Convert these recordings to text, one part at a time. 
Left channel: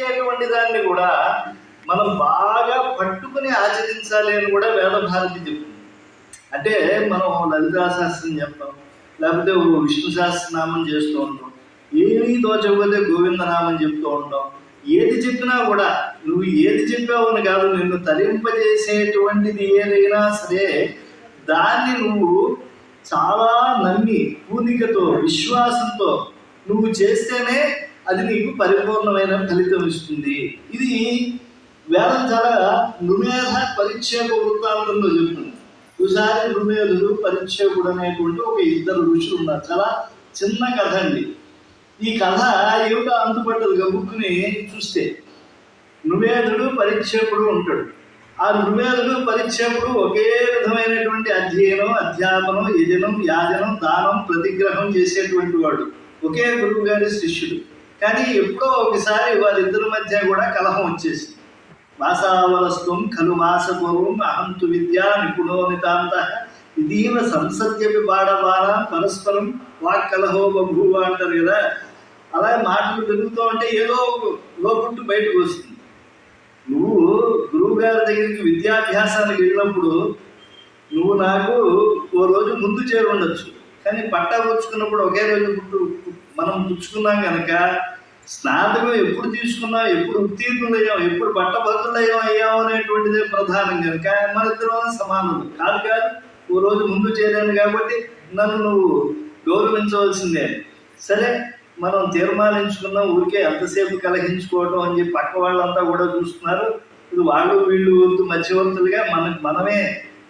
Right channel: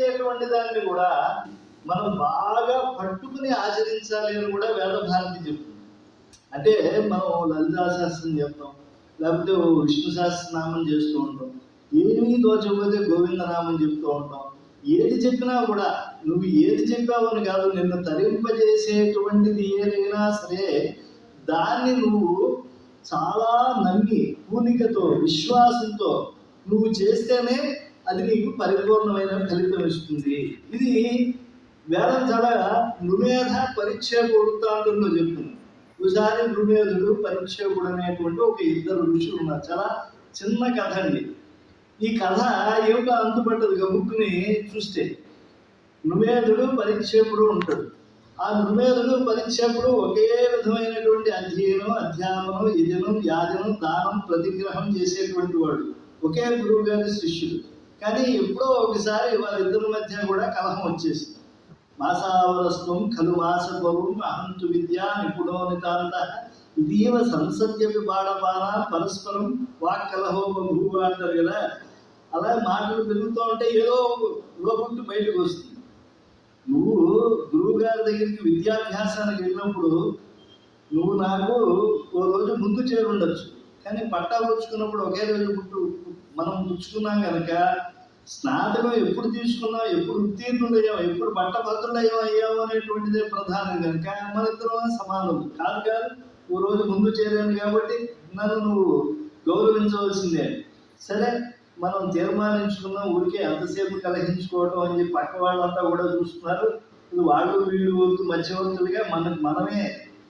సూచించేటువంటి దాన్ని కూడా మనం బాగా పట్టుకుని ఆచరించాలి అని కూడా వేద భారతి చెప్తుంది. అంటే మనం లలితా శాస్త్రం చెప్తాం, లేకపోతే విష్ణు సహస్రనామం చేస్తూ ఉంటాం, ఏమీ తోచకపోతే గోవిందనామం చెప్తూ ఉంటాం. ఏది చెప్పినా కూడా నువ్వు ఏది చెప్పావని కాదు, నిన్ను తరింపజేసేటువంటిది ఏదైనా సరే దాన్ని నువ్వు చాలా నమ్మి పూనికతో విశ్వాసంతో నువ్వు చేస్తేనే అది నీకు పరిపూర్ణమైన ఫలితం ఇస్తుంది. ఇది వేదం చాలా నృమేధ పరిక్షేప వృత్తాంతంలో చెప్తుంది. ఒకసారి నృమేధుడు పరిక్షేపుడు అనేటువంటి ఒక ఇద్దరు ఋషులు ఉన్నారు. చాలా చిన్న కథ అండి. ఈ కథ ఏమిటో అంతుపడ్డది గబుక్కుని చూస్తే. నృమేధుడు పరిక్షేపుడు ఉంటాడు. ఆ నృమేధుడు పరిక్షేపుడు ఒకే విధమైనటువంటి అధ్యయనం, అధ్యాపనం, యజనం, యాజనం, దానం, ప్రతిగ్రహం చేసేటువంటి వాడు, ఒకే గురువు గారి శిష్యుడు. కానీ ఎప్పుడో ఒకసారి వారిద్దరి మధ్య కూడా కలహం వచ్చేసింది. మాసావలస్వం ఖలు మాసపూర్వం అహంతు విద్యా నిపుణో నితాంత ఇదీవ సంసద్యపి బాడబాన పరస్పరం వాక్కలహో బభూవ అంటారు కదా. అలాగే మాటలు పెరుగుతూ ఉంటే ఏదో లోపుట్టు బయటకు వస్తుంది. నువ్వు గురువు గారి దగ్గరికి విద్యాభ్యాసానికి వెళ్ళినప్పుడు నువ్వు నాకు ఓ రోజు ముందు చేరి ఉండొచ్చు, కానీ పట్టా పుచ్చుకున్నప్పుడు ఒకే రోజు మనం పుచ్చుకున్నాం కనుక స్నాతకం ఎప్పుడు తీసుకున్నాం, ఎప్పుడు ఉత్తీర్ణులయ్యాం, ఎప్పుడు అయ్యాం అనేటువంటిదే ప్రధానం కనుక మన ఇద్దరు సమానులు కాదు. ఓ రోజు ముందు చేరాను కాబట్టి నన్ను నువ్వు గౌరవించవలసిందే. సరే, మనం తీర్మానించుకున్నాం, ఊరికే ఎంతసేపు కలహించుకోవటం అని చెప్పి పక్క వాళ్ళంతా కూడా చూస్తున్నారు. ఇది వాళ్ళు వీళ్ళు మధ్యవర్తులుగా మనమే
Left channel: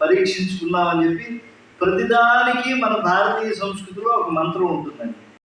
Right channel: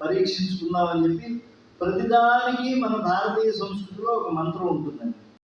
పరీక్షించుకున్నాం అని చెప్పి ప్రతిదానికి మన భారతీయ సంస్కృతిలో ఒక మంత్రం ఉంటుందండి.